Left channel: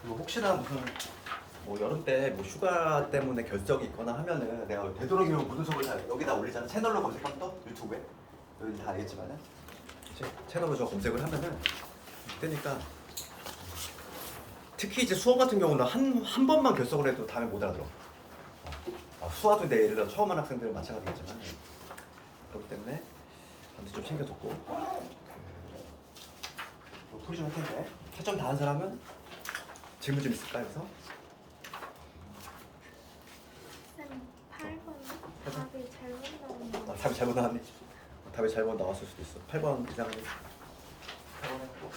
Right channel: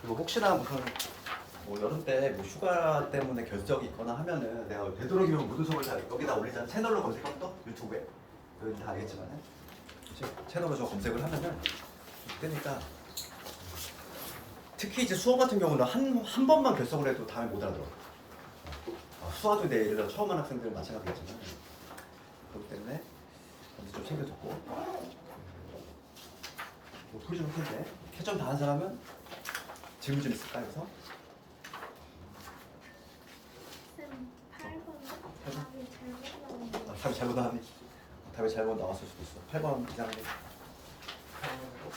그리고 혹시나 무슨 뭐 여름 때 뭐 휴가 때문에 결석이 있거나 하면은 내가 되도록이면 모든 속을 다 여기다 올리잖아. 채널로 검색하면 떠 유튜브에 여기 다 알겠지만은 채널로 저 검색을 하면은 뜨니까 특히 이제 수어 같은 경우는 한 번만 결석을 해도 다음에 못 알아들어. 수화도 내 예를 들어 처음 하는 학생들은 마찬가지겠지만 그렇기 때문에 반드시 좀 챙겨뒀고 풀이 좀 할 텐데 채점 다 한 사람은 질문 좀 있을까 여기서? 쌤 8번 답이 잘못 나온 거. 답이 잘못 나왔네. 답이 잘못 나왔을 수도 있어. 8번 이상하네. 8번 했고.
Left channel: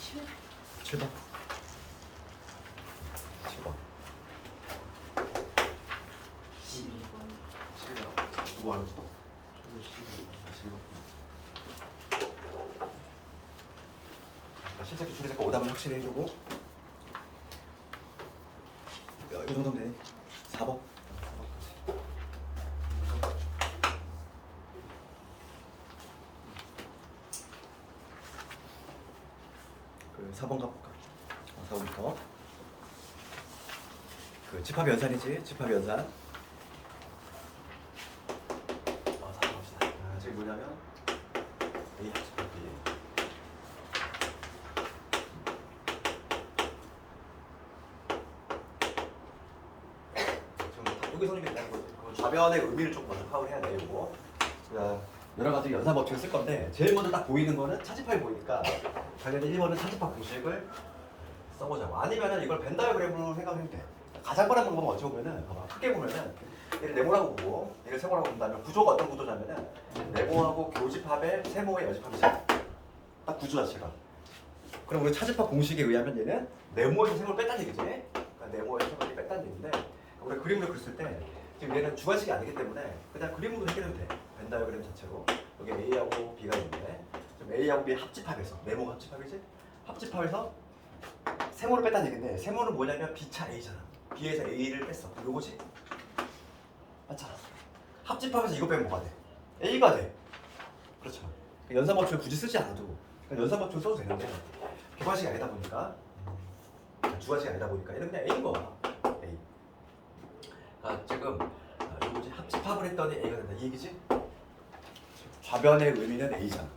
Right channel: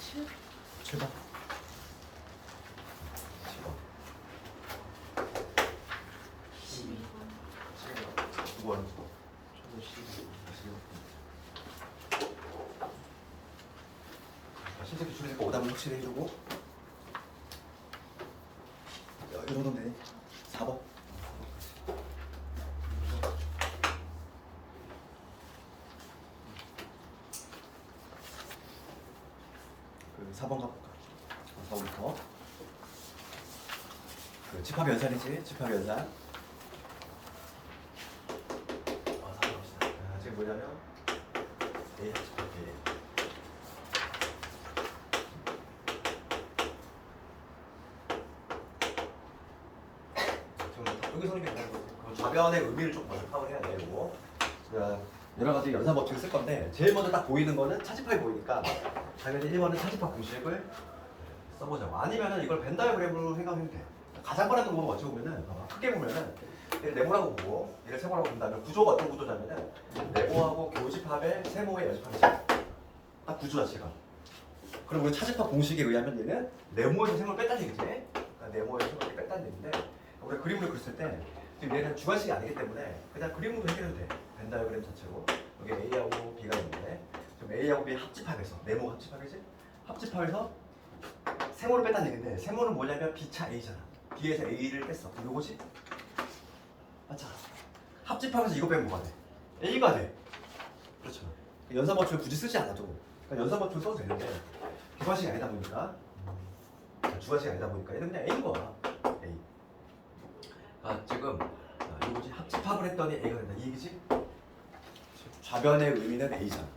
칠. 7번. 7번. 12번. 9번. 12번. 실제 기출이니까 오답은 확실히 해주고. 이 정도면 되니? 4번. 4번까지. 그 4번 가볼까? 4번부터. 그 집합 연산이지? 집합 연산. 지금 뭐냐면 A 집합 B. 여기 성립이 된다는 거지. 좌변의 의미를 좀 먼저 파악을 해야 되고 여러 가지 연산 법칙을 쓸 건데 제일 먼저 딱 보이는 거는 차집합이 보이니까 당연히 1번은 차집합 공식을 써보자고. 아니면은 이걸 벤 다이어그램으로 생각하면 돼. 가장 빠른 방법은 어찌 보면은 봐봐. 크게 보면은 얘를 네모라고 보고 얘를 세모라고 본다면 구조가 어떤 구조냐면은 네모하고 교집합의 세모의 여집합이지. 딱 구조 자체가. 그럼 우리 차집합 공식에 의하면 얘는 네모에서 세모를 뺐다는 얘기지. 그러니까 네모에서 세모를 뺐다는 얘기인데 우리 그림으로 그렸을 때 지금 얘는 주관식이 아니기 때문에 그냥 그림으로 해결해도 돼. 벤 다이어그램 자체로. 여기 A하고 B가 있는데 지금 A하고 B 합집합에서 네모 합집합이지. 합집합에서 세모를 뺐다는 얘기인데 세모는 뭐냐면 B차 A잖아. B에서 A를 뺐어. 그럼 요거지? 맞잖아. 합집합에서 이거 빼면 뭐가 돼? A가 돼. 그렇죠. 연산법칙을 굳이 쓰지 않아도 그러니까 연산법칙을 써도 되는데 주관식이 아니다 보니까 주관식이 아니다 보니까 얘는 그냥 A인 거야. A. 지금 이거지 합집합을 했더니 A가 된다 이 얘기지? 좌변의 의미는 A잖아.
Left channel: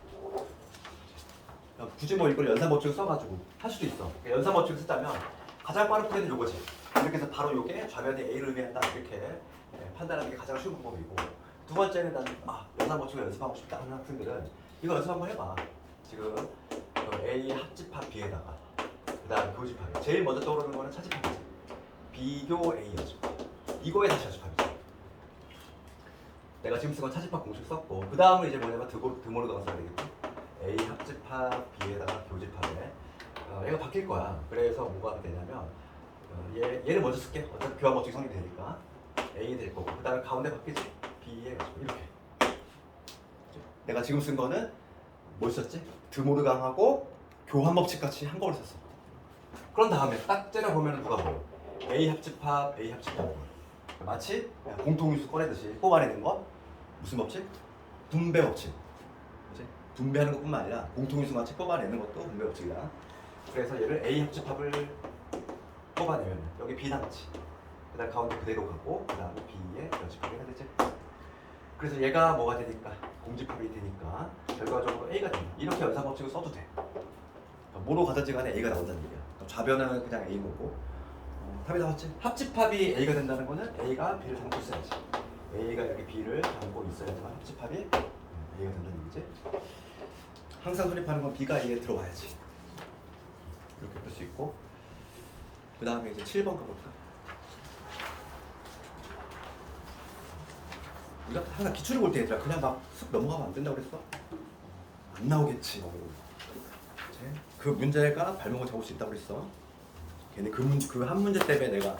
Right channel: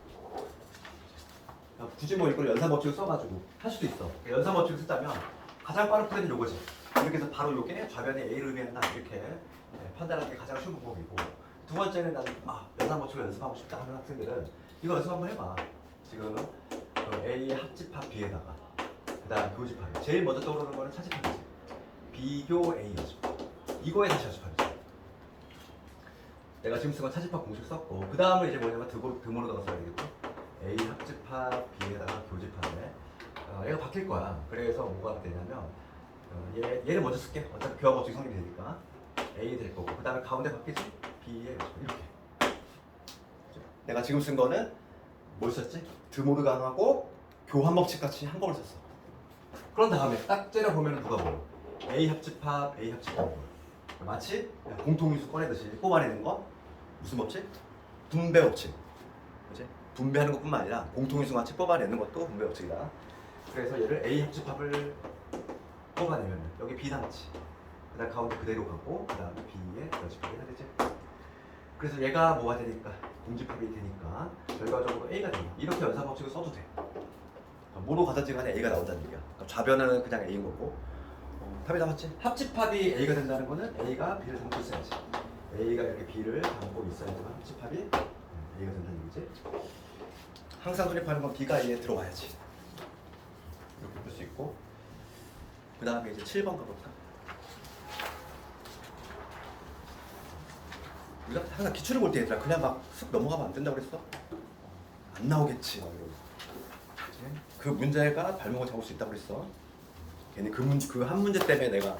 굳이 뭐 이걸 연산법칙을 써가지고 할 수도 있어. 연산법칙을 쓰자면 가장 빠른 플랜은 요거지. 이렇게 해서 바로 요게 좌변의 A를 의미한다 이렇게 판단하는 게 가장 쉬운 방법이고 두 번째는 나는 연산법칙을 연습하고 싶다 하는 학생들은 이거 연습 한번 해봐. 지금 A 합집합 B에다가 그 다음 교집합 제일 먼저 떠오르는 거는 차집합이지. 비교 A여지. 이거에 다시 연습합이지. 내가 지금 쓴 건 차집합 공식 썼고 그 다음은 이제 뭐냐면 드모를 가서 써야 되겠지. A 합집합 B에다가 교집합에 얘가 바뀔 거야. 그래서 뭐가 되냐면 얘를 먼저 쓸게. 어차피 교합 법칙 성립이 되니까 A 될 거고 그 다음에 가운데 바뀌지? B에 이렇게. 내가 지금 쓴 거는 뭘 썼지? 드모르강하고 교합 법칙 같이 한 번을 썼어. 그런 다음에 딱 째려보면 누가 보여? A 합집합 A 합집합 마치 공통인수 꺼내듯이 뽑아내는 거 무슨 법칙? 분배 법칙. 그치? 분배하는 것뿐만 아니라 공통인수 같이 뽑아내는 것도 분배 법칙이다. 그래서 얘를 A 합집합을 뽑아내면 여기 B 당치 그 다음 가운데 그대로 가고 그 다음에 B의 여집합이 해야 되지. 그래서 얘가 뭐가 되니까 공집합이 되니까 결과적으로 A가 된다. 이렇게 연산 법칙을 써도 돼. 그러니까 뭐로 가든지 간에 A가 나온다는 얘기야. 그러니까 좌변은 그냥 A인 거고 답이 나왔지? 합집합이 A가 된다는 거는 A가 B를 담고 있어야지. A가 이렇게 B를 담고 있어야지만 합집합이 A가 된다는 얘기지. 항상 돌입하는 건 B가 A에 들어와야지. 이렇게 볼 수 있고 그 다음에 이제 7번 가볼까? 우리가 항상 기출을 볼 때 얘들아 그냥 막 쓱 넘어가면 안 된다고 그랬어? 안 나오겠지 막 이러고 그치? 그 문제가 발목을 잡을 수 있다고 그랬어. 괜히 그 한 문제 때문에 내가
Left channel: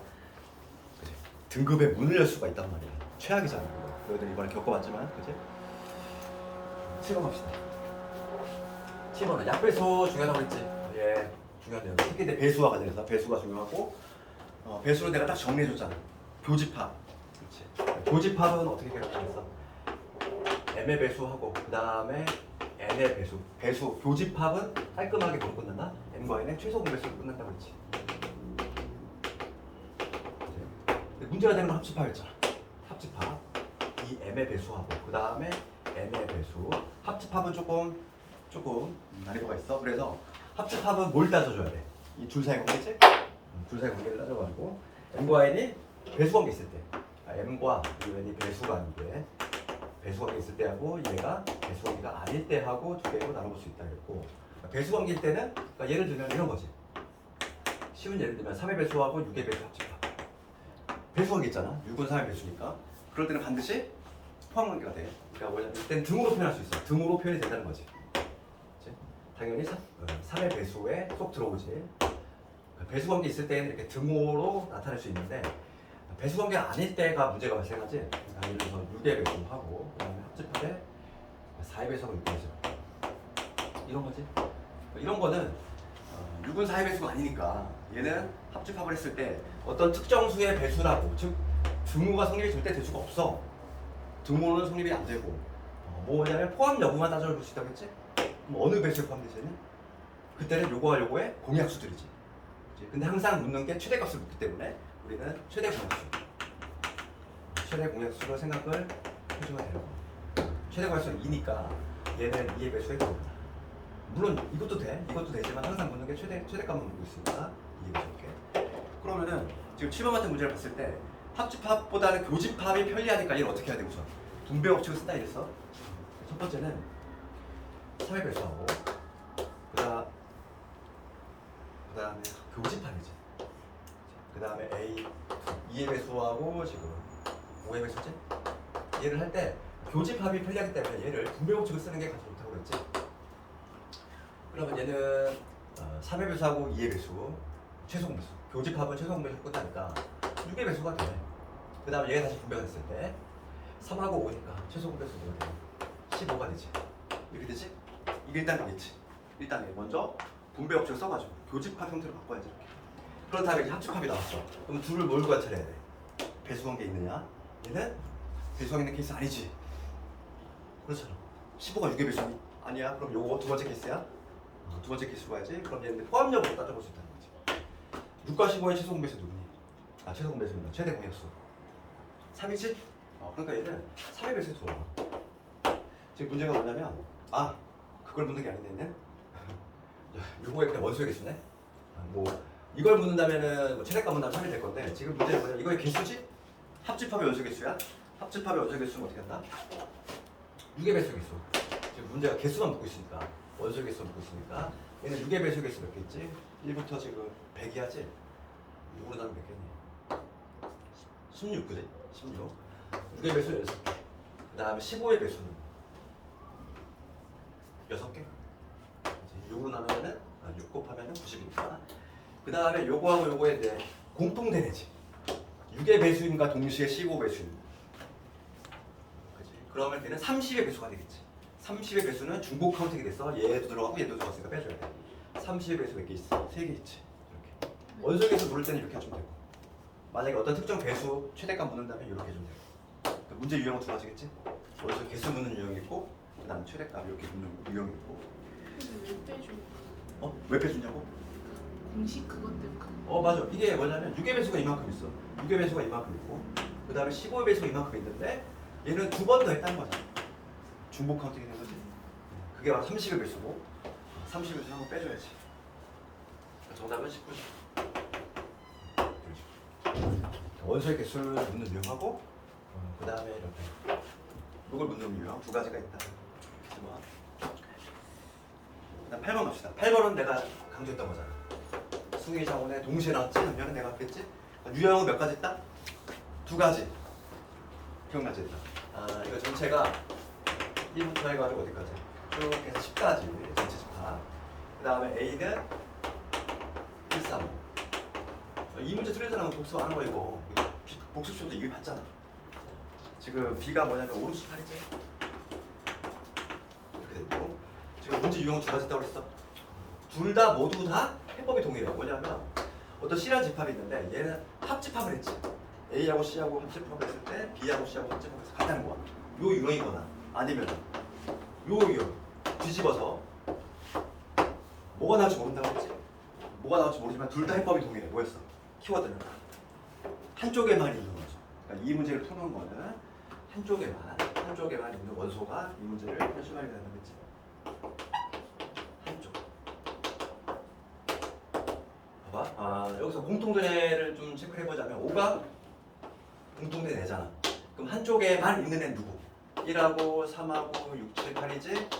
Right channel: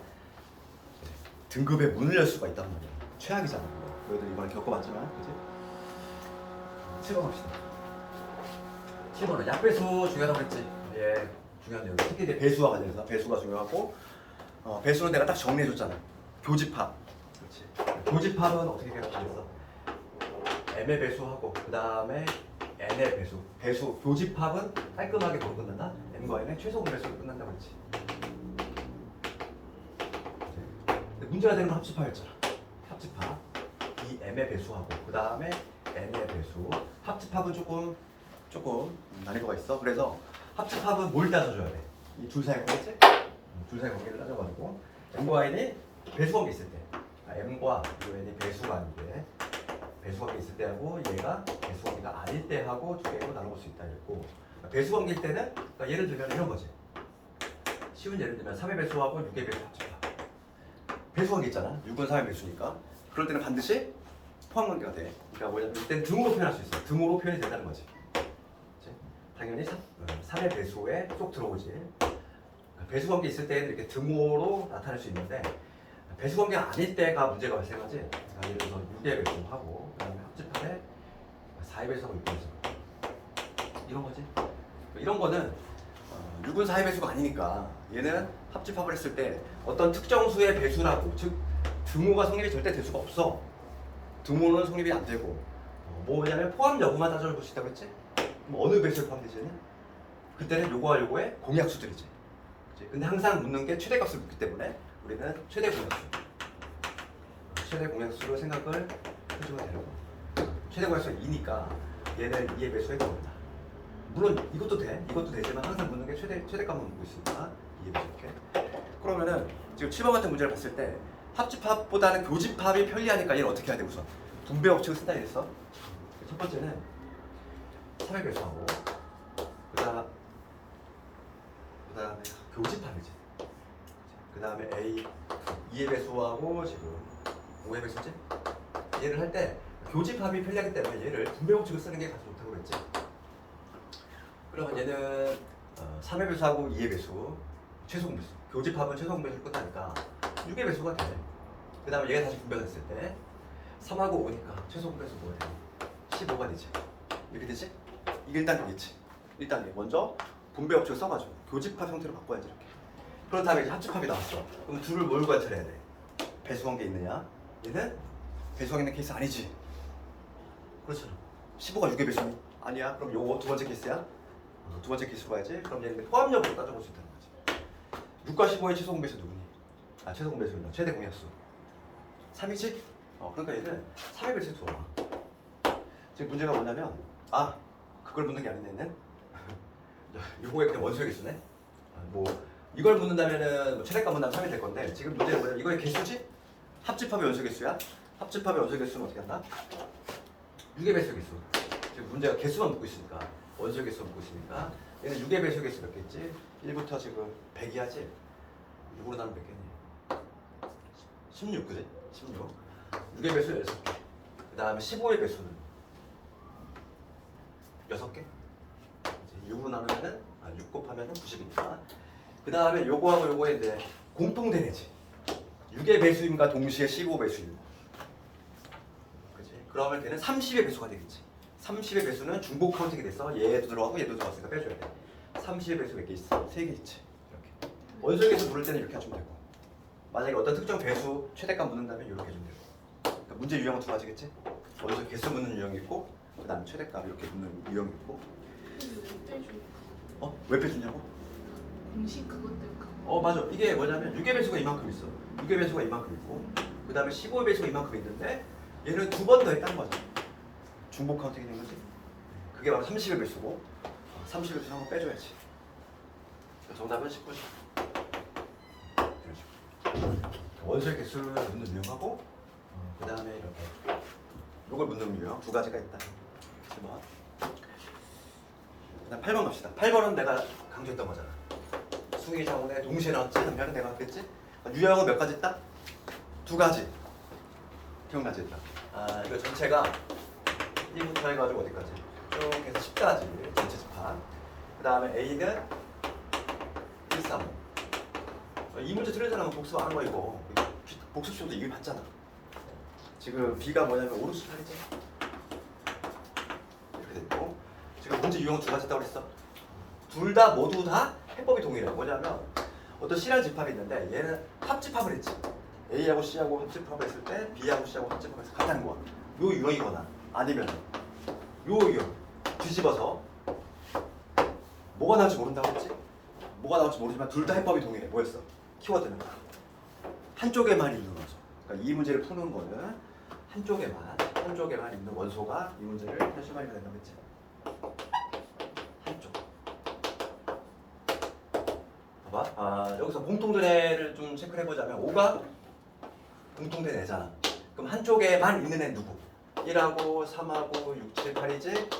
그치? 등급의 문을 열 수가 있단 말이야. 최악이잖아. 너희들 이번에 겪어봤지만 그치? 7번 갑시다. 10번은 약배수 중요하다고 그랬지. 예, 중요한 내용. 특히 내 배수와 관련해서 배수가 중요하고 배수는 내가 딱 정리해줬잖아. 교집합. 그렇지. 교집합은 어떻게 계산하고 했어? m의 배수하고 그 다음에 n의 배수. 배수 교집합은 깔끔하게 뭐로 끝난다? m과 n의 최소 공배수로 끝난다 그랬지. 그치? 문제가 되는 건 합집합이었잖아. 합집합. 이 m의 배수하고 그 다음에 n의 배수. 합집합은 조금 난이도가 있어. 그래서 합집합은 뭘 따져줘야 돼? 이 둘 사이 관계지? 둘 사이 관계를 따져가지고 m과 n이 배수 관계 있을 때, m과 n이 배수가 아닌데 배수 관계 있을 때 하고 얘가 배수 관계가 아닐 때 하고 두 개로 나눠볼 수 있다 그랬고, 배수 관계일 때는 그러니까 예를 들면 이런 거지. 쉬운 예를 들면 3의 배수하고 6의 배수 합집합. 배수 관계 있잖아. 6은 3의 배수니까. 그럴 때는 반드시 포함 관계가 돼. 그러니까 뭐냐면 이때는 등으로 표현할 수 있어. 등으로 표현이 된다는 거지. 그치? 당연히 3의 배수에 쏙 들어오지. 그러니까 배수 관계 있을 때는 이렇게 등호로 나타낼 수 있는데 배수 관계가 아닐 때가 문제가 발생하지. 그러니까 예를 들어서 6의 배수하고 그다음에 합집합에 4의 배수하고 6의 배수. 이런 거지. 이런 거는 6은 4의 배수가 아니니까 얘는 합집합을 했을 때 어떤 특정 수의 배수라고, 즉 등호가 성립이 절대 될 수가 없어. 등호는 성립이 안 되고 뭐냐면 포함 여부만 따져볼 수 있다고 했지? 그럼 어느 배수에 포함되지는? 그때는 요거와 요거의 공약수들이지. 그치? 근데 항상 묻는 게 최대값을 묻기 때문에 우리는 최대 공약수. 최대 공약수로 생각을 해주면 되는 거. 최대 공약수는 2니까 얘는 2의 배수에 들어온다. 물론 이것도 돼. 이것도 되지만 항상 묻는 게 최대값만 묻고 있으니까 2의 배수 이렇게. 그러면은 지금 7번 같은 문제를 봤을 때 합집합보다는 교집합이 편리하니까 얘를 어떻게 해야 돼 우선? 분배 법칙을 쓴다 이랬어. 첫 번째는 3의 배수하고 그다음에 교집합이지. 그다음에 A 2의 배수하고 지금 5의 배수지. 얘를 할 때 교집합이 편리하기 때문에 얘를 분배 법칙을 쓰는 게 가장 좋다고 그랬지. 그러면 얘는 3의 배수하고 2의 배수, 최소 공배수. 교집합은 최소 공배수로 끝나니까 6의 배수가 돼. 그 다음에 얘가 다시 분배가 됐을 때 3하고 5니까 최소 공배수 뭐가 돼? 15가 되지. 이렇게 되지? 이게 1단계겠지. 1단계. 먼저 분배 법칙을 써가지고 교집합 형태로 바꿔야지 이렇게. 그런 다음에 이제 합집합이 나왔어. 그럼 둘을 뭘 관찰해야 돼? 배수 관계 있느냐? 얘는 배수 관계 있는 케이스 아니지. 그렇잖아. 15가 6의 배수 아니야? 그럼 요거 두 번째 케이스야? 두 번째 케이스 봐야지. 그럼 얘는 포함 여부를 따져볼 수 있다는 거지. 6과 15의 최소 공배수 누구니? 최소 공배수입니다. 최대 공약수 3이지? 그러니까 얘는 3의 배수에 들어와. 지금 문제가 뭐냐면 그걸 묻는 게 아닌데 얘는 요거의 그냥 원소의 개수네. 뭐 이걸 묻는다면은 뭐 최대값 문다면 3이 될 건데 지금 문제는 뭐냐? 이거의 개수지? 합집합의 원소 개수야. 합집합의 원소 개수는 어떻게 한다? 6의 배수 개수. 지금 문제가 개수만 묻고 있으니까 원소 개수 묻고 있으니까 얘는 6의 배수 개수 몇 개 있지? 1부터 지금 100이야지. 6으로 나누면 몇 개니? 16 그지? 16. 6의 배수 16개. 그 다음에 15의 배수는 6개. 6으로 나누면은 6 곱하면은 90이니까. 그 다음에 요거하고 요거에 이제 공통된 애지. 6의 배수임과 동시에 15 배수임. 그지? 그러면 얘는 30의 배수가 되겠지. 30의 배수는 중복 카운팅이 됐어. 얘도 들어가고 얘도 들어갔으니까 빼줘야 돼. 30의 배수 몇 개 있어? 3개 있지. 이렇게. 원소의 개수 물을 때는 이렇게 하시면 되고. 만약에 어떤 특정 배수 최대값 묻는다면 이렇게 해주면 되고. 그러니까 문제 유형은 두 가지겠지? 원소 개수 묻는 유형이 있고, 그 다음에 최대값 이렇게 묻는 유형이 있고. 왜 빼주냐고? 공식 그것 때문에. 맞아. 이게 뭐냐면 6의 배수가 이만큼 있어. 6의 배수가 이만큼 있고, 그 다음에 15의 배수가 이만큼 있는데 얘는 두 번 더 했다는 거지. 중복 카운팅이 된 거지. 그게 바로 30의 배수고 30의 배수는 한번 빼줘야지. 정답은 19죠. 원소의 개수를 묻는 유형하고 그 다음에 이렇게 이걸 묻는 유형 두 가지가 있다. 그다음 8번 갑시다. 8번은 내가 강조했던 거잖아. 수의 자원에 동시에 나왔지. 한편은 내가 그랬지. 유형은 몇 가지 있다? 두 가지. 기억나지? 이거 전체가 1부터 해가지고 어디까지? 쭉 해서 10까지 전체 집합. 그 다음에 A는 1, 3, 5. 이 문제 틀리잖아. 복습 안 하는 거 이거. 복습 시험도 이길 봤잖아. 지금 B가 뭐냐면 오른쪽 팔이지. 이렇게 됐고 지금 문제 언제 유형은 두 가지 있다고 그랬어? 둘 다 모두 다 해법이 동일해요. 뭐냐면 어떤 C라는 집합이 있는데 얘는 합집합을 했지. A하고 C하고 합집합을 했을 때 B하고 C하고 합집합을 해서 같다는 거야. 요 유형이거나 아니면 요 유형 뒤집어서 뭐가 나올지 모른다고 했지? 뭐가 나올지 모르지만 둘 다 해법이 동일해. 뭐였어? 키워드는 한쪽에만 있는 원소. 그러니까 이 문제를 푸는 거는 한쪽에만 있는 원소가 이 문제를 현실화하게 된다고 했지. 한쪽. 봐봐. 여기서 공통된 좀 체크해 보자면 5가 공통된 애잖아. 그럼 한쪽에만 있는 애 누구? 1하고 3하고 6, 7, 8이지?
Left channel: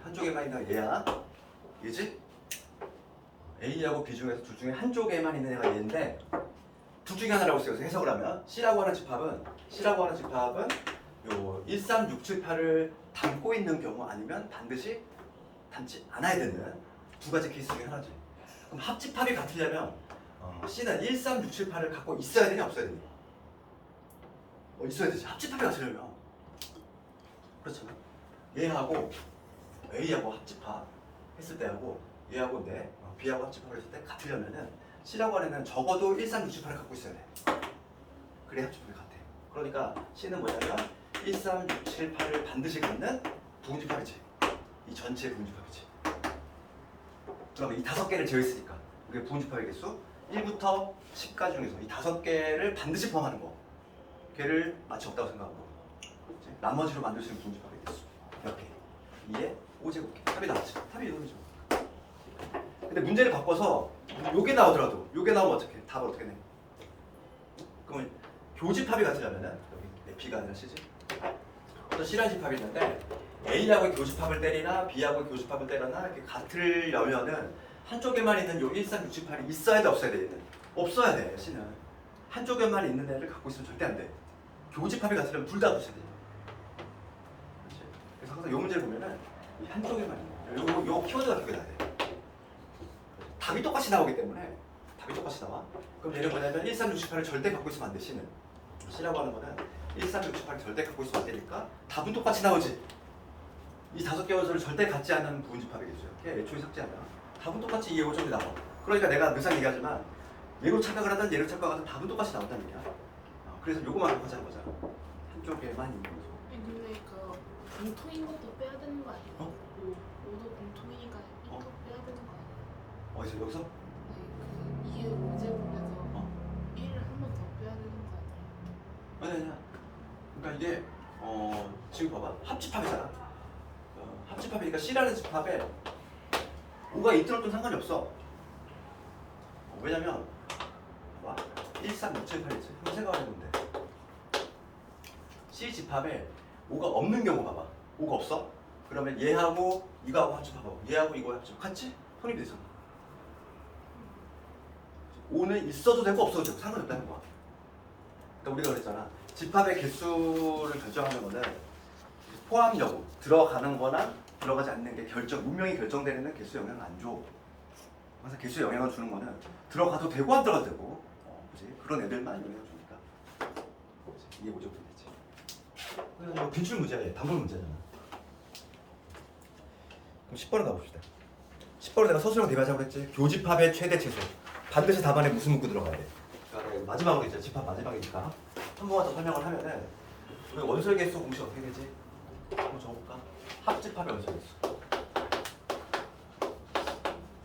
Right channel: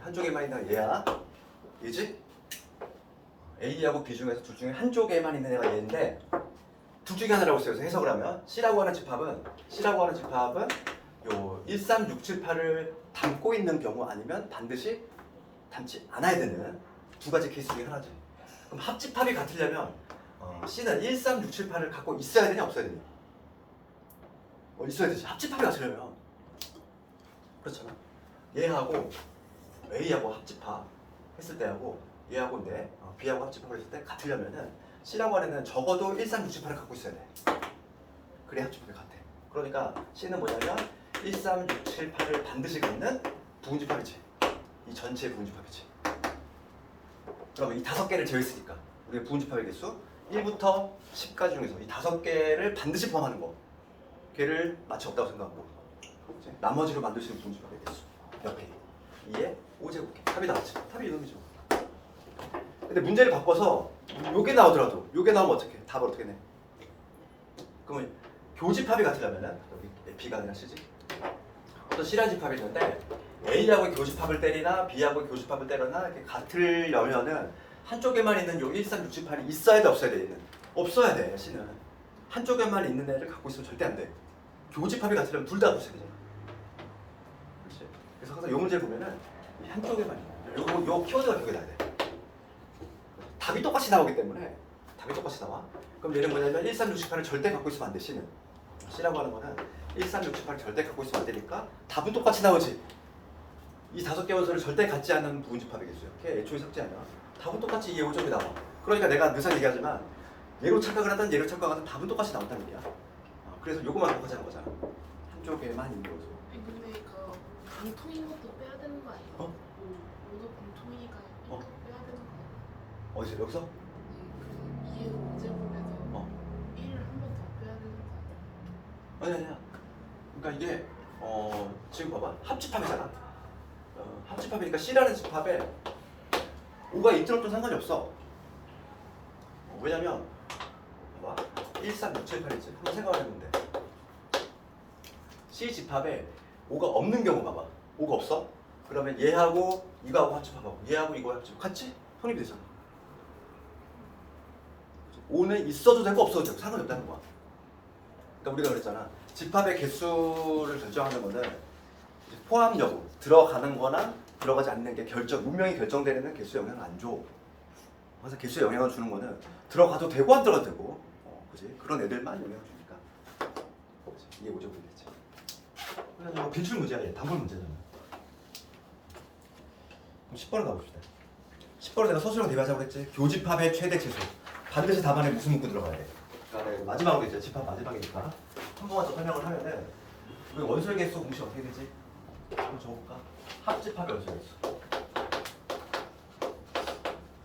한쪽에만 있는 얘야. 얘지? A하고 B 중에서 둘 중에 한쪽에만 있는 애가 얘인데 둘 중에 하나라고 써서 해석을 하면 C라고 하는 집합은 요 1, 3, 6, 7, 8을 담고 있는 경우 아니면 반드시 담지 않아야 되는 두 가지 케이스 중에 하나지. 그럼 합집합이 같으려면 C는 1, 3, 6, 7, 8을 갖고 있어야 되냐 없어야 되냐? 있어야 되지. 합집합이 같으려면 그렇잖아. 얘하고 A하고 합집합 했을 때하고 얘하고인데 B하고 합집합을 했을 때 같으려면은 C라고 하는 애는 적어도 1, 3, 6, 7, 8을 갖고 있어야 돼. 그래야 합집합이 같아. 그러니까 C는 뭐냐면 1, 3, 6, 7, 8을 반드시 갖는 부분집합이지. 이 전체의 부분집합이지. 그러면 이 5개를 제외했으니까 우리가 부분집합의 개수 1부터 10까지 중에서 이 5개를 반드시 포함하는 거. 걔를 마치 없다고 생각하고 나머지로 만들 수 있는 부분집합의 개수 몇 개? 2의 5제곱개. 답이 나왔지. 답이 이놈이죠. 근데 문제를 바꿔서 요게 나오더라도 요게 나오면 어떻게? 답을 어떻게 내? 그러면 교집합이 같으려면은 여기 B가 아니라 C지. 어떤 C라는 집합이 있는데 A하고 교집합을 때리나 B하고 교집합을 때리나 이렇게 같으려면은 한쪽에만 있는 요 1, 3, 6, 7, 8이 있어야 돼 없어야 돼? 없어야 돼. C는 한쪽에만 있는 애를 갖고 있으면 절대 안 돼. 교집합이 같으려면 둘 다 갖고 있어야 돼. 그렇지? 그래서 항상 요 문제를 보면은 이 한쪽에만 있는 요 키워드가 기억이 나야 돼. 답이 똑같이 나오기 때문에 답이 똑같이 나와. 그럼 얘는 뭐냐면 1, 3, 6, 7, 8을 절대 갖고 있으면 안 돼. C는 C라고 하는 거는 1, 3, 6, 7, 8을 절대 갖고 있으면 안 되니까 답은 똑같이 나오지. 이 5개 원소를 절대 갖지 않는 부분집합의 개수야. 걔 애초에 삭제하면 답은 똑같이 2의 5점이 나와. 그러니까 내가 늘상 얘기하지만 얘로 착각을 하든 얘로 착각하든 답은 똑같이 나온다는 얘기야. 그래서 요거만 하자는 거잖아. 한쪽에만 있는 원소. 근데 그 공통인 것도 빼야 되는 거 아니에요? 모두 공통이니까 이거 빼야 되는 거 아니에요? 어디서 여기서? 네, 그 2의 5제곱에서 1을 한 번 더 빼야 되는 거 아니에요? 아니야. 그러니까 이게 지금 봐봐. 합집합이잖아. 합집합이니까 C라는 집합에 5가 있더라도 상관이 없어. 왜냐면 봐봐. 1, 3, 6, 7, 8이지. 한번 생각을 해보는데 C 집합에 5가 없는 경우 봐봐. 5가 없어? 그러면 얘하고 이거하고 합집합하고 얘하고 이거 합집합 같이 혼입이 되잖아. 5는 있어도 되고 없어도 되고 상관이 없다는 거야. 그러니까 우리가 그랬잖아. 집합의 개수를 결정하는 거는 포함 여부, 들어가는 거나 들어가지 않는 게 운명이 결정되는 개수에 영향을 안 줘. 그래서 개수에 영향을 주는 거는 들어가도 되고 안 들어가도 되고 그치? 그런 애들만 영향을 주니까 이해 보죠 보이겠지. 그냥 빈출 문제야. 얘 단골 문제잖아. 그럼 10번을 가봅시다. 10번을 내가 서술형 대비하자고 그랬지. 교집합의 최대 최소. 반드시 답안에 무슨 문구 들어가야 돼. 그러니까 내가 마지막으로 이제 집합 마지막이니까 한 번만 더 설명을 하면은 우리 원소의 개수 공식 어떻게 되지? 한번 적어볼까? 합집합의 원소의 개수.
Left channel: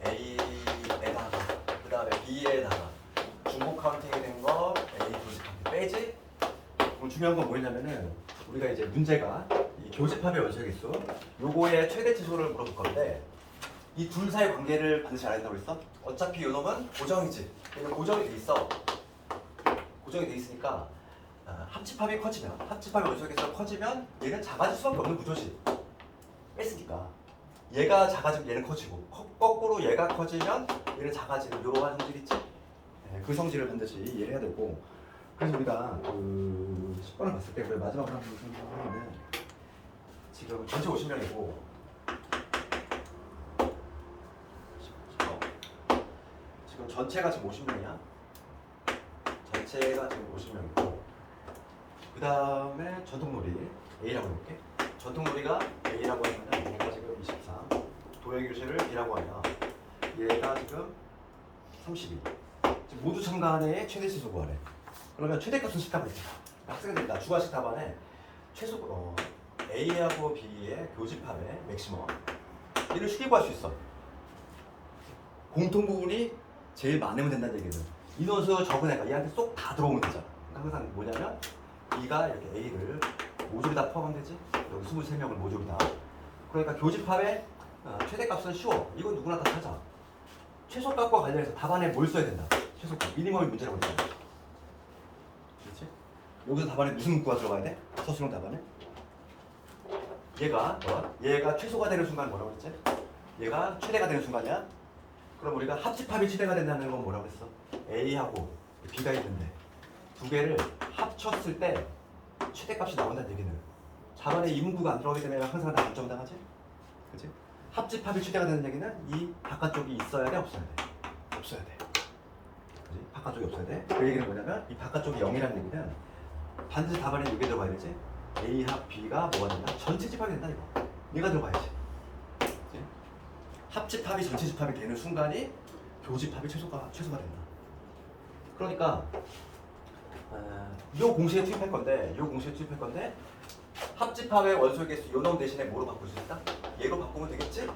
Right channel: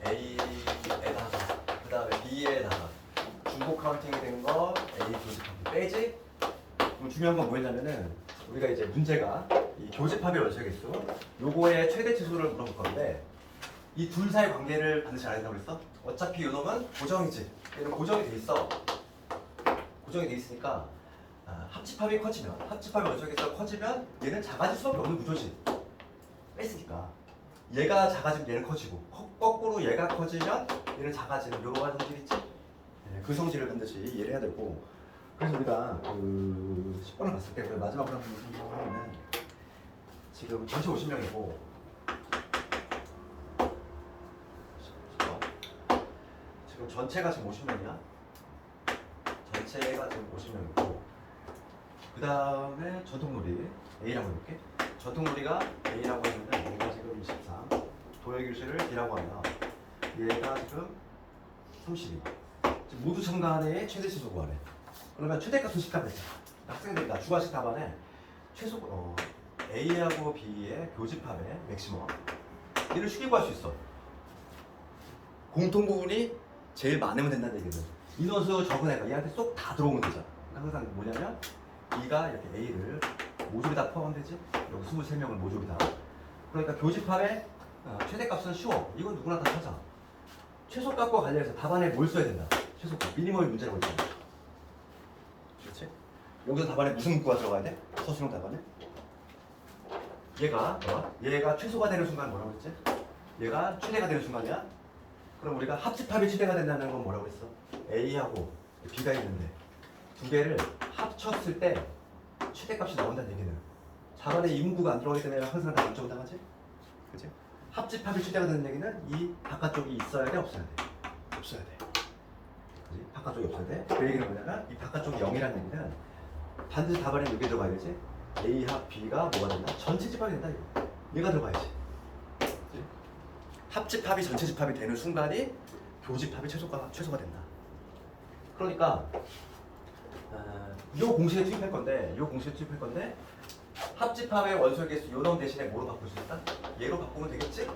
A에다가 그 다음에 B에다가 중복 카운팅이 된 거 A 교집합 빼지? 그럼 중요한 건 뭐냐면은 우리가 이제 문제가 이 교집합의 원소의 개수 요거의 최대 치수를 물어볼 건데 이 둘 사이 관계를 반드시 알아야 된다고 했어? 어차피 요 놈은 고정이지. 고정이 돼 있어. 고정이 돼 있으니까 합집합이 커지면 합집합의 원소의 개수가 커지면 얘는 작아질 수밖에 없는 구조지. 뺐으니까 얘가 작아지면 얘는 커지고 거꾸로 얘가 커지면 얘는 작아지는 이러한 성질 있지? 네, 그 성질을 반드시 이해를 해야 되고 그래서 우리가 그 10번을 봤을 때 우리가 마지막으로 한번 생각하면은 지금 전체 50명이고 지금 전체가 지금 50명이야. 전체가 지금 50명이고 그 다음에 전통놀이 A라고 해볼게. 전통놀이가 A라고 하면은 얘가 지금 23 C를 D라고 하면 얘가 지금 32. 지금 모두 참간의 최대치 구하래. 그러면 최대값은 10 답을 했잖아. 학생들 주관식 답안에 A하고 B의 교집합의 맥시멈 이를 쉽게 구할 수 있어. 공통 부분이 제일 많으면 된다는 얘기는 인원수 적은 애가 얘한테 쏙 다 들어오면 되잖아. 그러니까 항상 뭐냐면 B가 이렇게 A를 모조리 다 포함되지. 여기 23명을 모조리 다. 그러니까 교집합의 최대값은 쉬워. 이건 누구나 다 찾아. 최소값과 관련해서 답안에 뭘 써야 된다. 최소값. 미니멈이 문제가 있잖아. 그렇지? 여기서 답안에 무슨 문구가 들어가야 돼? 서술형 답안에? 얘가 최소가 되는 순간 뭐라고 했지? 얘가 최대가 되는 순간이야? 그럼 우리가 합집합이 최대가 된다는 건 뭐라고 했어? A하고 B가 있는데 두 개를 합쳤을 때 최대값이 나온다는 얘기는 답안에 이 문구가 안 들어가기 때문에 항상 다 인정당하지? 그치? 합집합이 최대가 되는 얘기는 이 바깥쪽이 있어야 돼? 없어야 돼? 없어야 돼. 그치? 바깥쪽이 없어야 돼? 그 얘기는 뭐냐면 이 바깥쪽이 0이라는 얘기는 반드시 답안에 이게 들어가야 되지? A 합 B가 뭐가 된다? 전체 집합이 된다 이거. 얘가 들어가야지. 그치? 합집합이 전체 집합이 되는 순간이 교집합이 최소가 된다. 그러니까 이 공식에 투입할 건데 합집합의 원소의 개수 요놈 대신에 뭐로 바꿀 수 있다? 얘로 바꾸면 되겠지?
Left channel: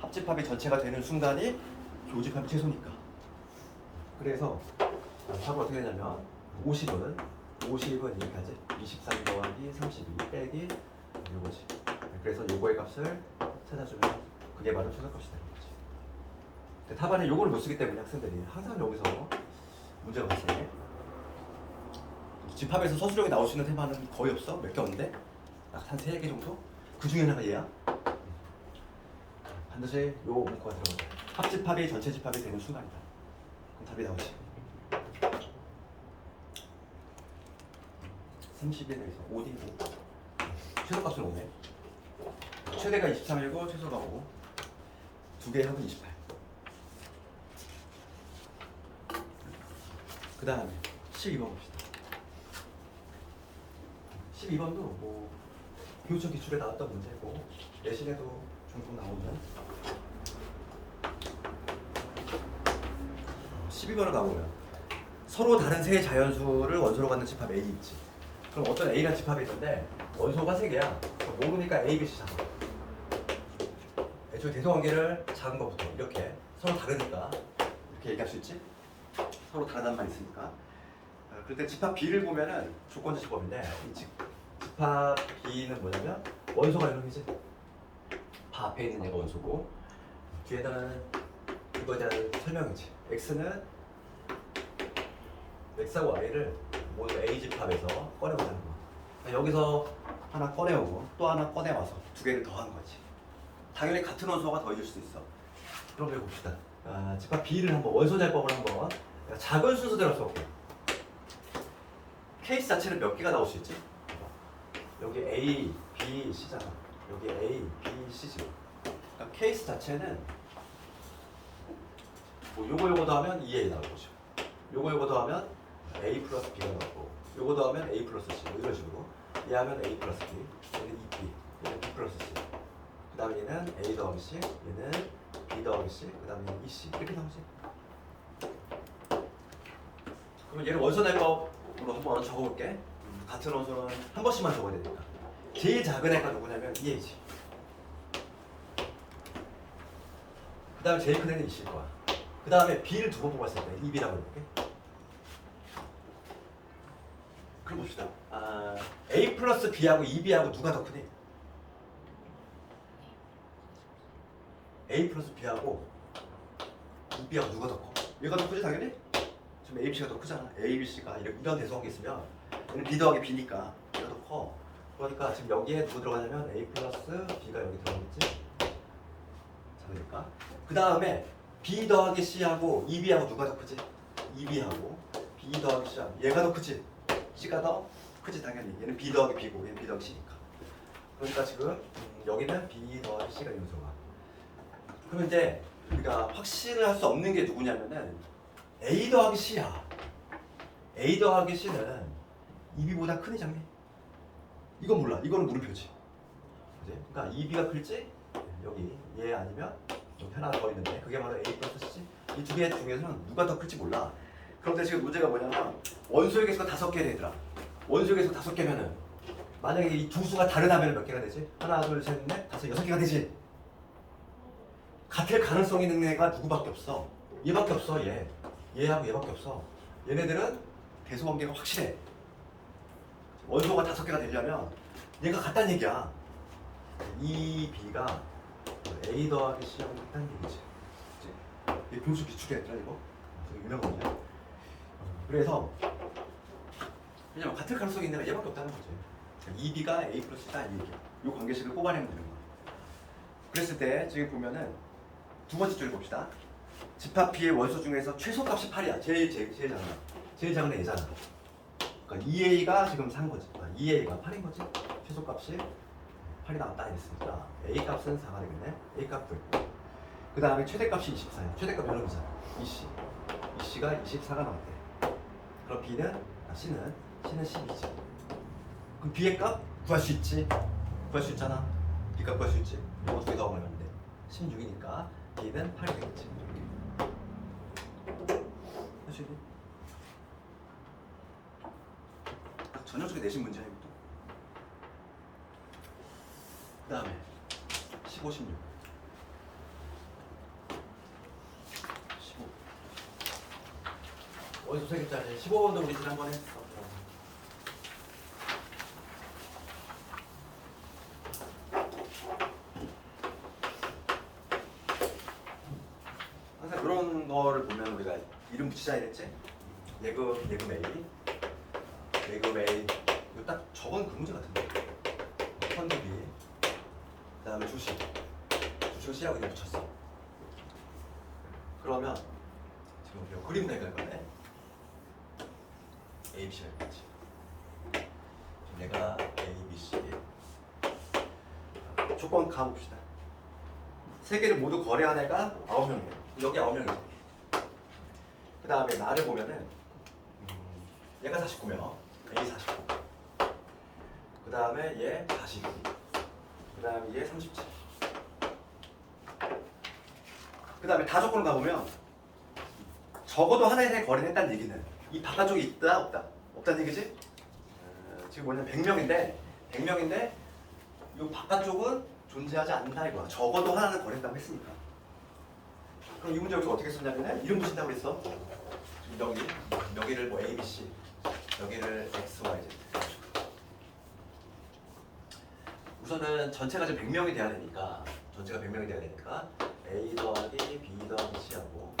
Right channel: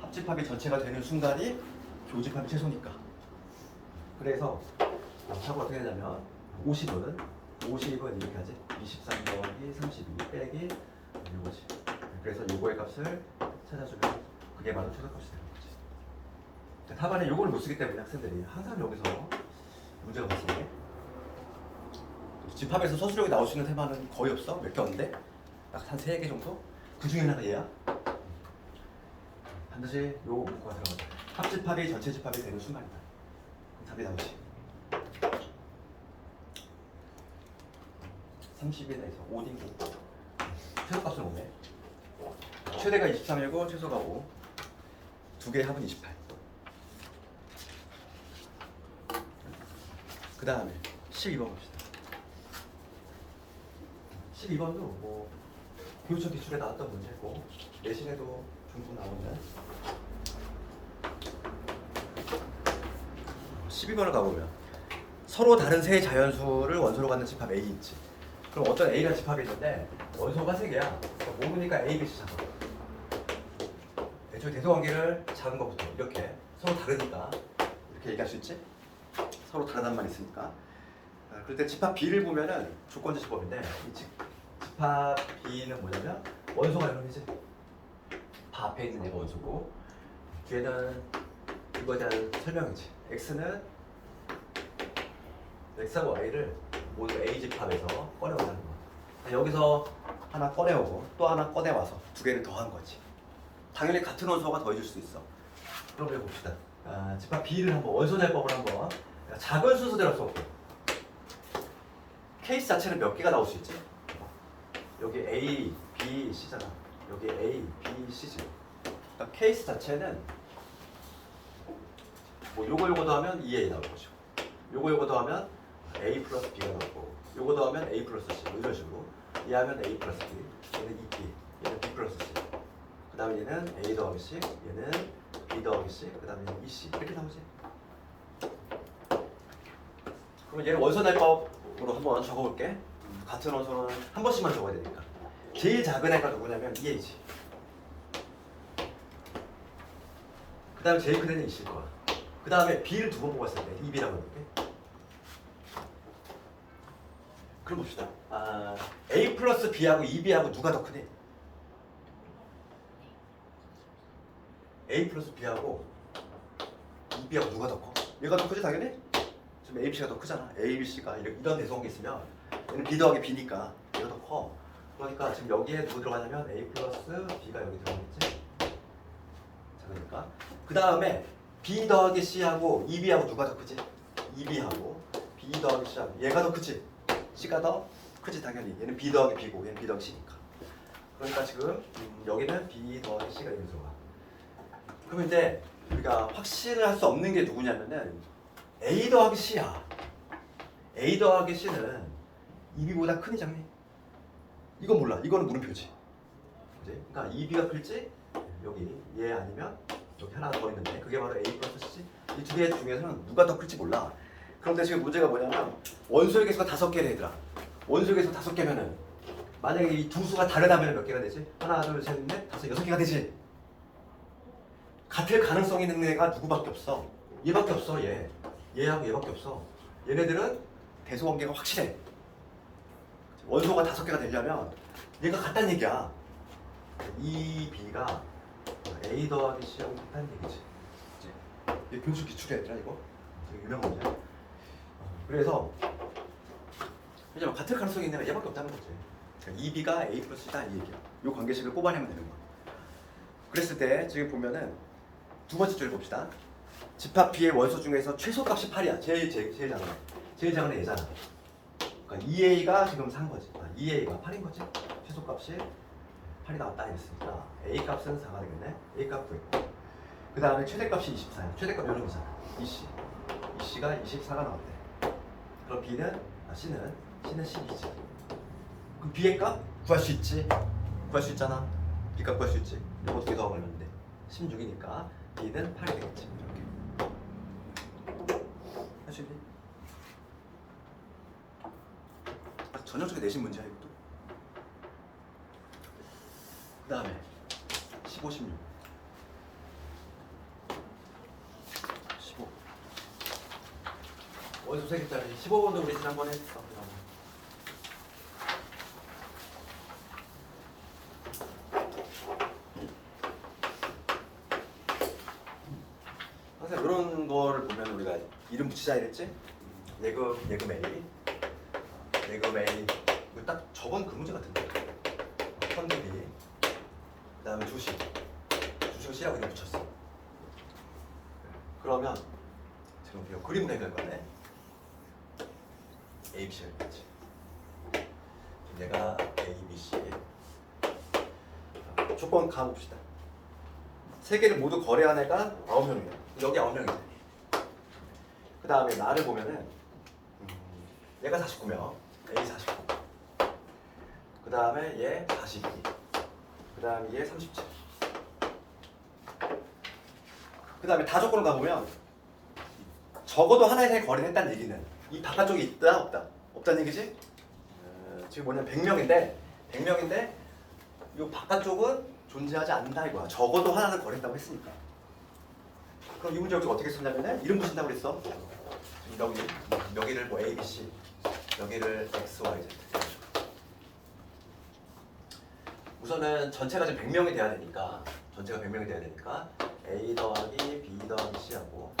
합집합이 전체가 되는 순간이 교집합이 최소니까. 그래서 답은 어떻게 되냐면 50은 이렇게 하지. 23 더하기 32 빼기 요거지. 그래서 요거의 값을 찾아주면 그게 바로 최소값이 되는 거지. 근데 답안에 요거를 못 쓰기 때문에 학생들이 항상 여기서 문제가 발생해. 집합에서 서술형이 나올 수 있는 테마는 거의 없어. 몇 개 없는데 약 한 3개 정도? 그 중에 하나가 얘야. 반드시 요 문구가 들어가죠. 합집합이 전체 집합이 되는 순간이다. 그럼 답이 나오지. 30에서 5D고 최소값은 5네. 최대가 23이고 최소가 5. 두 개의 합은 28. 그 다음에 12번 갑시다. 12번도 뭐 교육청 기출에 나왔던 문제고 내신에도 종종 나오는 12번을 가보면 서로 다른 세 자연수를 원소로 갖는 집합 A 있지. 그럼 어떤 A가 집합이 있는데 원소가 3개야. 모르니까 A, B, C 잡아. 애초에 대소관계를 작은 것부터 이렇게 서로 다르니까 이렇게 얘기할 수 있지. 서로 다르다는 말이 있으니까. 그럴 때 집합 B를 보면은 조건지수법인데 이 집합 B는 뭐냐면 원소가 이놈이지. 바 앞에 있는 얘가 원소고 뒤에는 이거에 대한 설명이지. X는 X하고 Y를 모두 A 집합에서 꺼내온다는 거야. 그러니까 여기서 하나 꺼내오고 또 하나 꺼내와서 두 개를 더한 거지. 당연히 같은 원소가 더해질 수도 있어. 그럼 우리 봅시다. 집합 B를 한번 원소잘법을 한번 작은 순서대로 써볼게. 케이스 자체는 몇 개가 나올 수 있지? 여기 A, B, C잖아. 여기 A, B, C지. 그러니까 케이스 자체는 뭐 요거 더하면 2A 나올 거죠. 요거 더하면 A 플러스 B가 나올 거고 요거 더하면 A 플러스 C 뭐 이런 식으로 얘 하면 A 플러스 B 얘는 2B 얘는 B 플러스 C 그 다음에 얘는 A 더하기 C 얘는 B 더하기 C 그 다음에 얘는 2C 이렇게 나오지. 그러면 얘를 원소날법으로 한번 적어볼게. 같은 원소는 한 번씩만 적어야 되니까. 제일 작은 애가 누구냐면 2A지. 그 다음에 제일 큰 애는 2C일 거야. 그 다음에 B를 두 번 뽑았을 때 2B라고 해볼게. 그럼 봅시다. A 플러스 B하고 2B하고 누가 더 크니? A 플러스 B하고 2B하고 누가 더 커? 얘가 더 크지 당연히? 지금 A, B가 더 크잖아. A, B, C가 이런 대소관계 있으면 얘는 B 더하기 B니까 얘가 더 커. 그러니까 지금 여기에 누구 들어가냐면 A 플러스 B가 여기 들어가겠지? 작으니까. 그 다음에 B 더하기 C하고 2B하고 누가 더 크지? 2B하고 B 더하기 C하고 얘가 더 크지? C가 더 크지 당연히. 얘는 B 더하기 B고 얘는 B 더하기 C니까. 그러니까 지금 여기는 B 더하기 C가 여기 들어가. 그러면 이제 우리가 확신을 할 수 없는 게 누구냐면은 A 더하기 C야. A 더하기 C는 2B보다 크니 작니? 이건 몰라. 이거는 물음표지. 그지? 그러니까 2B가 클지 여기 얘 아니면 여기 하나 더 있는데 그게 바로 A 플러스 C지. 이 두 개 중에서는 누가 더 클지 몰라. 그런데 지금 문제가 뭐냐면 원소의 개수가 5개래 얘들아. 원소의 개수 5개면은 만약에 이 두 수가 다르다면 몇 개가 되지? 하나, 둘, 셋, 넷, 다섯, 6개가 되지. 같을 가능성이 있는 애가 누구밖에 없어. 얘밖에 없어. 얘하고 얘밖에 없어. 얘네들은 대소 관계가 확실해. 원소가 5개가 되려면 얘가 같다는 얘기야. 이 B가 A 더하기 C하고 같다는 얘기지. 그치? 이게 분수 기출이야 얘들아 이거. 되게 유명한 거냐. 그래서 왜냐면 같을 가능성이 있는 애가 얘밖에 없다는 거지. 자, 2B가 A 플러스 C다 이 얘기야. 이 관계식을 뽑아내면 되는 거야. 그랬을 때 지금 보면은 두 번째 줄 봅시다. 집합 B의 원소 중에서 최소값이 8이야. 제일 작은 애. 제일 작은 애 얘잖아. 그러니까 2A가 지금 산 거지. 2A가 8인 거지. 최소값이 8이 나왔다 이랬으니까 A 값은 4가 되겠네. A 값 구했고 그 다음에 최대값이 24야. 최대값 요놈이잖아. EC. EC가 24가 나왔대. 그럼 C는 12지. 그럼 B의 값 구할 수 있지. 구할 수 있잖아. B 값 구할 수 있지. 이거 두 개 더 걸면 돼. 16이니까 B는 8이 되겠지. 이렇게. 할 수 있니? 딱 전형적인 내신 문제야 이것도. 그 다음에 15, 16 15 원소 세개짜리 15번도 우리 지난번에 했어. 항상 이런 거를 보면 우리가 이름 붙이자 이랬지? 예금 A 예금 A 이거 딱 적은 그 문제 같은데 현금비 그 다음에 주식을 C라고 이름 붙였어. 그러면 지금 우리가 그림 내갈 거네. A, B, C를 했지. 내가 A, B, C 조건 가봅시다. 세 개를 모두 거래한 애가 9명이야. 여기 9명이지. 그 다음에 나를 보면은 얘가 49명, A 49. 그 다음에 얘 42. 그 다음에 얘 37. 그 다음에 다 조건을 가보면 적어도 하나에 대해 거래를 했다는 얘기는 이 바깥쪽에 있다 없다? 없다는 얘기지? 지금 뭐냐면 100명인데 이 바깥쪽은 존재하지 않는다 이거야. 적어도 하나는 거래했다고 했으니까. 그럼 이 문제 우리가 어떻게 쓰냐면 이름 붙인다고 그랬어. 여기를 뭐 A, B, C 여기를 X, Y, Z. 우선은 전체가 지금 100명이 돼야 되니까 A 더하기 B 더하기 C하고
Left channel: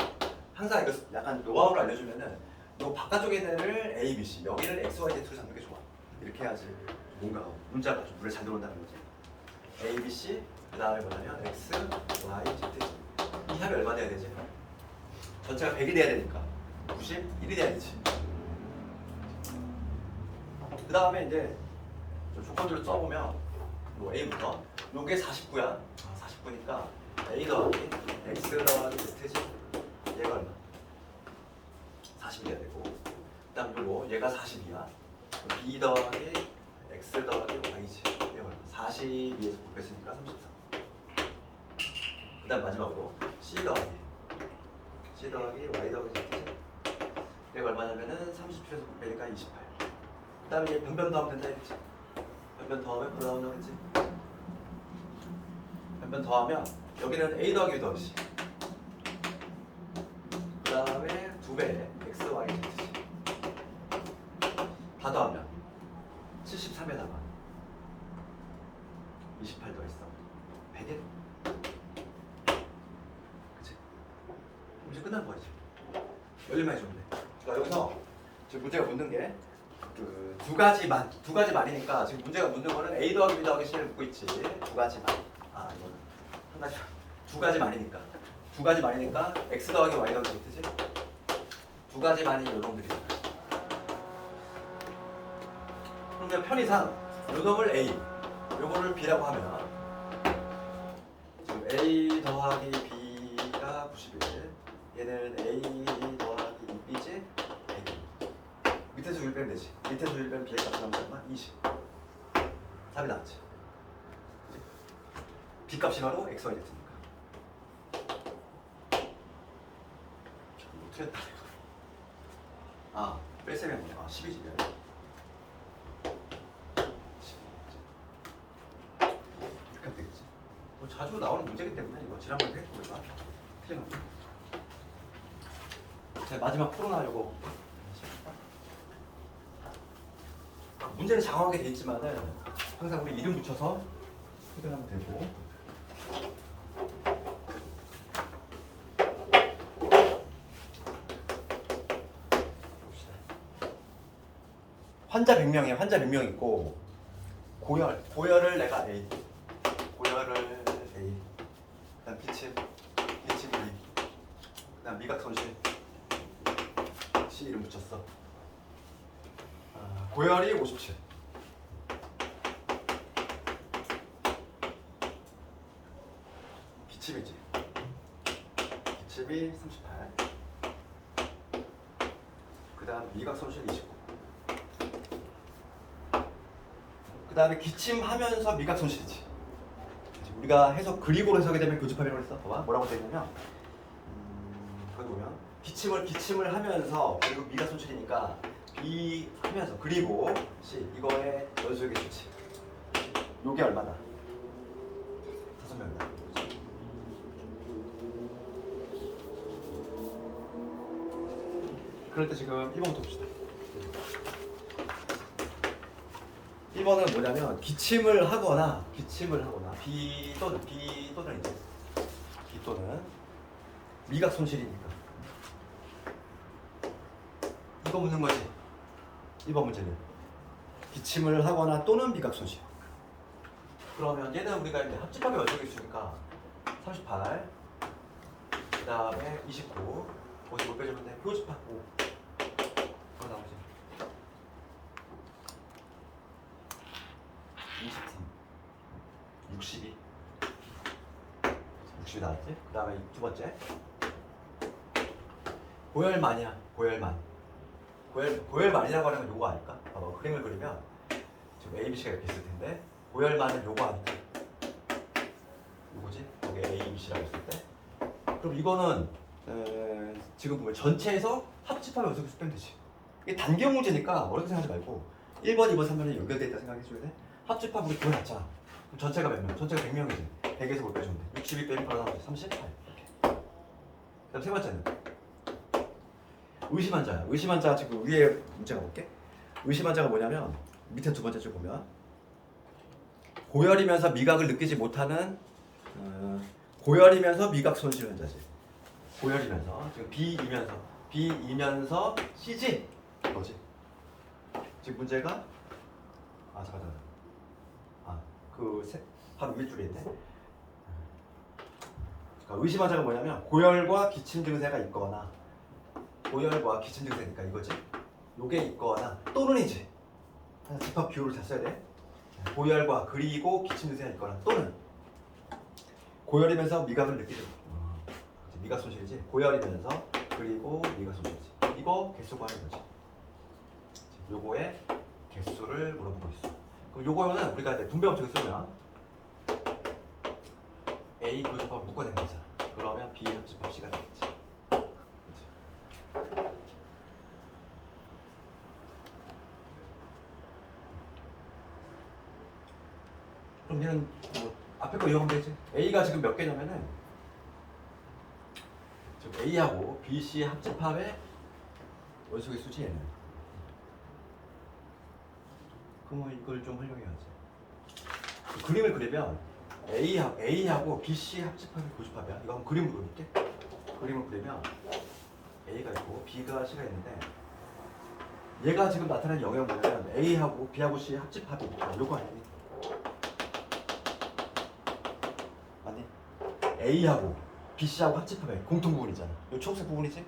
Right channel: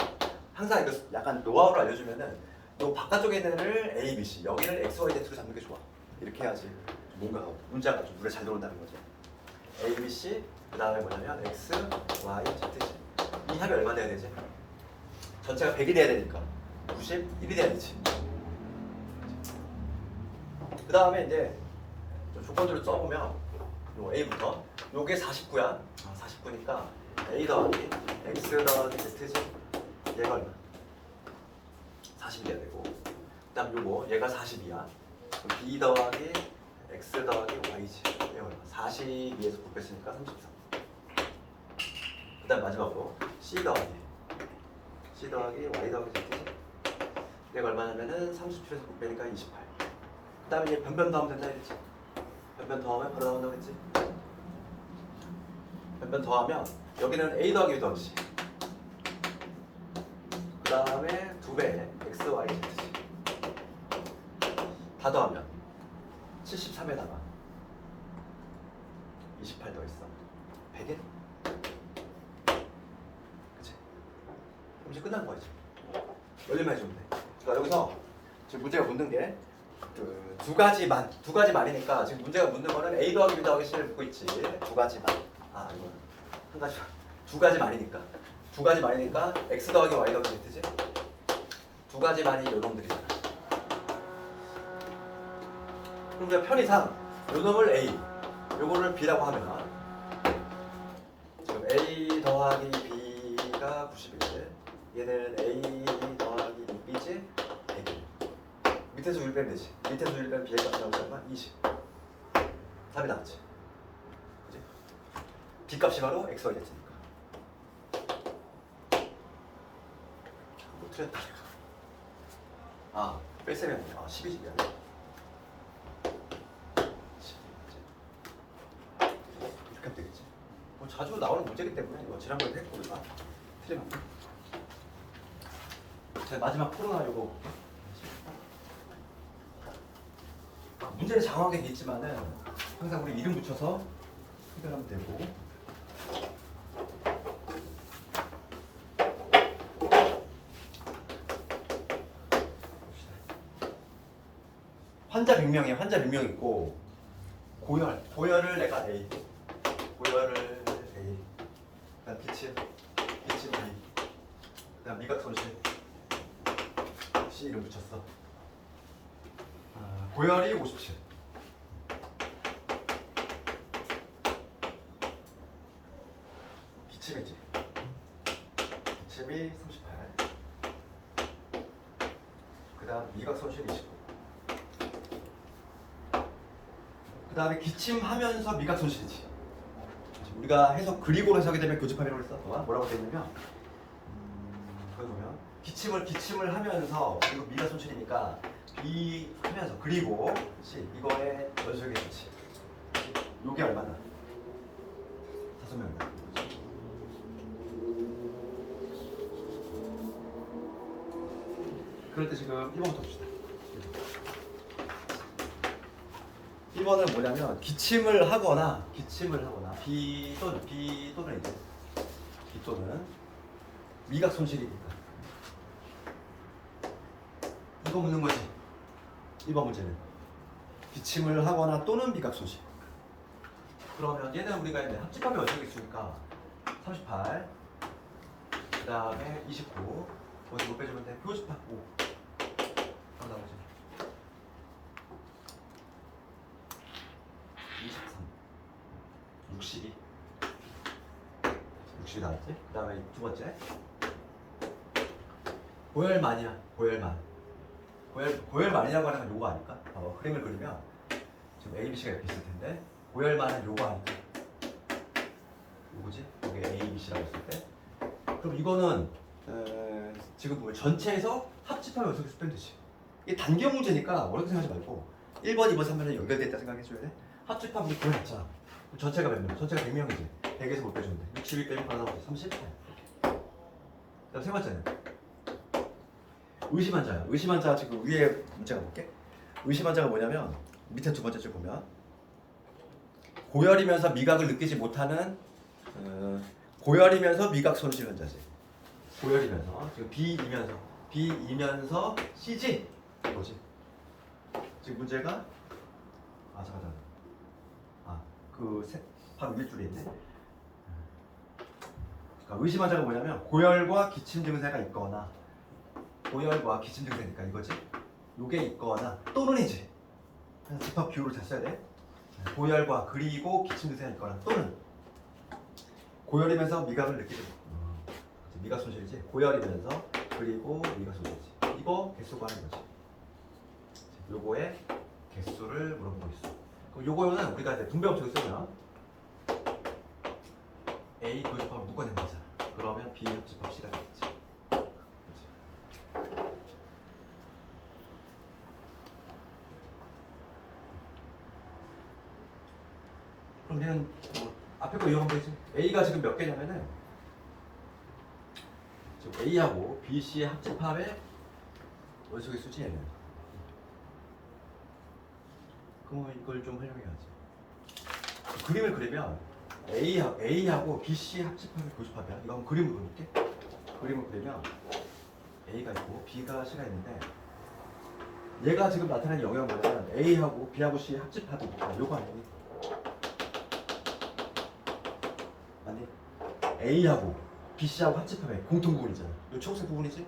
항상 이거 약간 노하우를 알려주면은 요 바깥쪽에 있는 애를 A, B, C 여기를 X, Y, Z로 잡는 게 좋아. 이렇게 해야지 뭔가 문자가 좀 눈에 잘 들어온다는 거지. A, B, C 그 다음에 뭐냐면 X, Y, Z 이 합이 얼마 돼야 되지? 전체가 100이 돼야 되니까 91이 돼야 되지. 그 다음에 이제 조건들을 써보면 요 A부터 요게 49야. 49니까 A 더하기 X 더하기 Z지. 얘가 얼마? 40이 돼야 되고 그 다음 요거 얘가 40이야. B 더하기 X 더하기 Y지. 얘가 얼마? 42에서 9 뺐으니까 33. 그 다음 마지막으로 C 더하기 Y 더하기 Z지. 얘가 얼마냐면은 30초에서 9 빼니까 28. 그 다음에 이제 변변 더하면 된다 했지. 변변 더하면 바로 나온다고 했지. 변변 더하면 여기는 A 더하기 B 더하기 C. 그 다음에 2배 X, Y, Z지. 다 더하면 73에다가 28 더했어. 100일. 그치? 그럼 이제 끝난 거지. 열림만 해주면 돼. 그러니까 여기서 지금 문제가 묻는 게 그 두 가지 말이니까 지금 문제가 묻는 거는 A 더하기 B 더하기 C를 묻고 있지. 두 가지 말. 이건 한 가지. 두 가지 말이니까. X 더하기 Y 더하기 Z지. 두 가지 말이 요놈들이야. 그러니까 편의상 요놈을 A, 요거를 B라고 하면 지금 A 더하기 B가 91. 얘는 A 더하기 B지. 밑에서 1 빼면 되지. 밑에서 1 빼면 B의 값이 나오면 얼마? 20. 답이 나왔지. 그치? B 값이 바로 x, y, z니까. 뭐 틀렸다. 아, 뺄셈했네. 아, 10이지. 이렇게 하면 되겠지. 뭐 자주 나오는 문제이기 때문에 이거 지난번에 했고 우리가 틀리면. 자, 마지막 풀어나려고. 문제는 장황하게 돼 있지만은 항상 우리 이름 붙여서 해결하면 되고. 환자 100명이에요. 환자 100명 있고 고열을 내가 A, 고열을 A, 그다음 기침 B, 그다음 미각 손실 C 이름 붙였어. 고열이 57, 기침이지. 기침이 38, 그다음 미각 손실 29. 그 다음에 기침하면서 미각 손실이지. 우리가 해석 그리고로 해석이 되면 교집합이라고 했어. 봐봐 뭐라고 되냐면 거기 보면 기침을 하면서 그리고 미각 손실이니까 B 하면서 그리고 C 이거의 연속의 수치. 요게 얼마다? 5명이다. 그럴 때 지금 1번부터 봅시다. 1번은 뭐냐면 기침을 하거나 B 또는 이제 B 또는 미각 손실이니까 이거 묻는 거지. 2번 문제는 기침을 하거나 또는 미각 손실. 그러면 얘는 우리가 이제 합집합의 원칙이 있으니까 38, 그 다음에 29, 거기서 못 빼주면 돼. 교집합 5. 나오지. 23, 60이 나왔지? 그 다음에 두 번째 고열만이야. 고열만이라고 하는 건 요거 아닐까? 봐봐 그림을 그리면 지금 A, B, C가 이렇게 있을 텐데 고열만은 요거 아닐까? 요거지? 여기 A, B, C라고 했을 때 그럼 이거는 지금 보면 전체에서 합집하면 연속해서 빼면 되지. 이게 단경 문제니까 어렵게 생각하지 말고 1번, 2번, 3번은 연결돼 있다 생각해줘야 돼. 합집합 우리 구해놨잖아. 전체가 몇 명? 전체가 100명이지. 100에서 못 빼주면 돼. 62 빼면 바로 나오죠. 38. 이렇게. 그다음 세 번째는 의심환자야. 의심환자 지금 위에 문제가 볼게. 의심환자가 뭐냐면 밑에 두 번째 줄 보면 고열이면서 미각을 느끼지 못하는 고열이면서 미각 손실 환자지. 고열이면서 지금 B이면서 C지. 뭐지? 지금 문제가 잠깐. 바로 윗 줄에 있네. 그러니까 의심환자가 뭐냐면 고열과 기침 증세가 있거나 고열과 기침 증세니까 이거지. 요게 있거나 또는이지. 집합 비율을 잘 써야 돼. 고열과 그리고 기침 증세가 있거나 또는 고열이면서 미각을 느끼지 미각 손실이지. 고열이면서 그리고 미각 손실이지. 이거 개수 구하는 거지. 요거의 개수를 물어보고 있어. 그럼 요거는 우리가 이제 분배 법칙을 쓰면 A 교집합을 묶어내는 거잖아. 그러면 B 합집합 C가 되겠지. 그치? 그럼 얘는 뭐 앞에 거 이용하면 되지. A가 지금 몇 개냐면은 지금 A하고 B, C의 합집합의 원소의 수지 얘는. 그러면 이걸 좀 활용해야지. 그림을 그리면 A하고 B, C 합집합의 교집합이야. 이거 한번 그림으로 그릴게. 그림을 그리면 A가 있고 B가 C가 있는데 얘가 지금 나타낸 영역은 뭐냐면 A하고 B하고 C 합집합이니까 요거 아니니? 맞니? A하고 B, C하고 합집합의 공통 부분이잖아. 요 초록색 부분이지?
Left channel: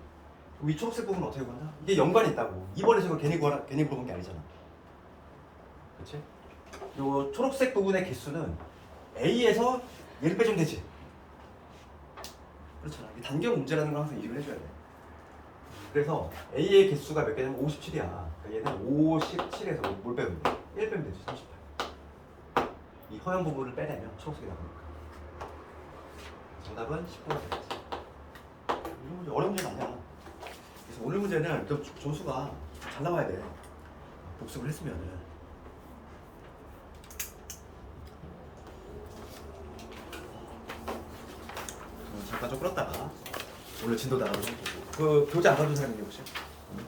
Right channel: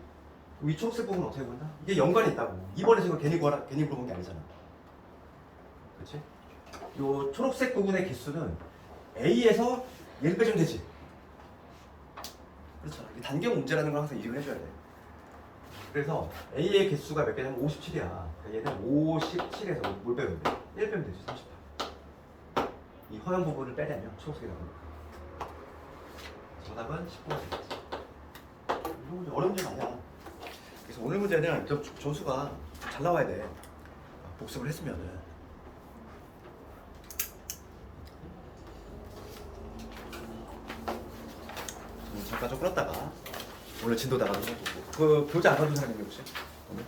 그럼 이 초록색 부분은 어떻게 본다? 이게 연관이 있다고. 이번에서 이거 괜히 물어본 게 아니잖아. 그렇지? 요 초록색 부분의 개수는 A에서 얘를 빼주면 되지. 그렇잖아. 이게 단경 문제라는 걸 항상 이해를 해줘야 돼. 그래서 A의 개수가 몇 개냐면 57이야. 그러니까 얘는 57에서 뭘 빼면 돼? 1 빼면 되지. 38. 이 허용 부분을 빼내면 초록색이 나오니까. 정답은 19가 되겠지. 이런 문제 어려운 문제는 아니야. 그래서 오늘 문제는 좀 점수가 잘 나와야 돼. 복습을 했으면은. 잠깐 좀 끌었다가 오늘 진도 나가도 그 교재 안 가져온 사람 있니 혹시? 오늘?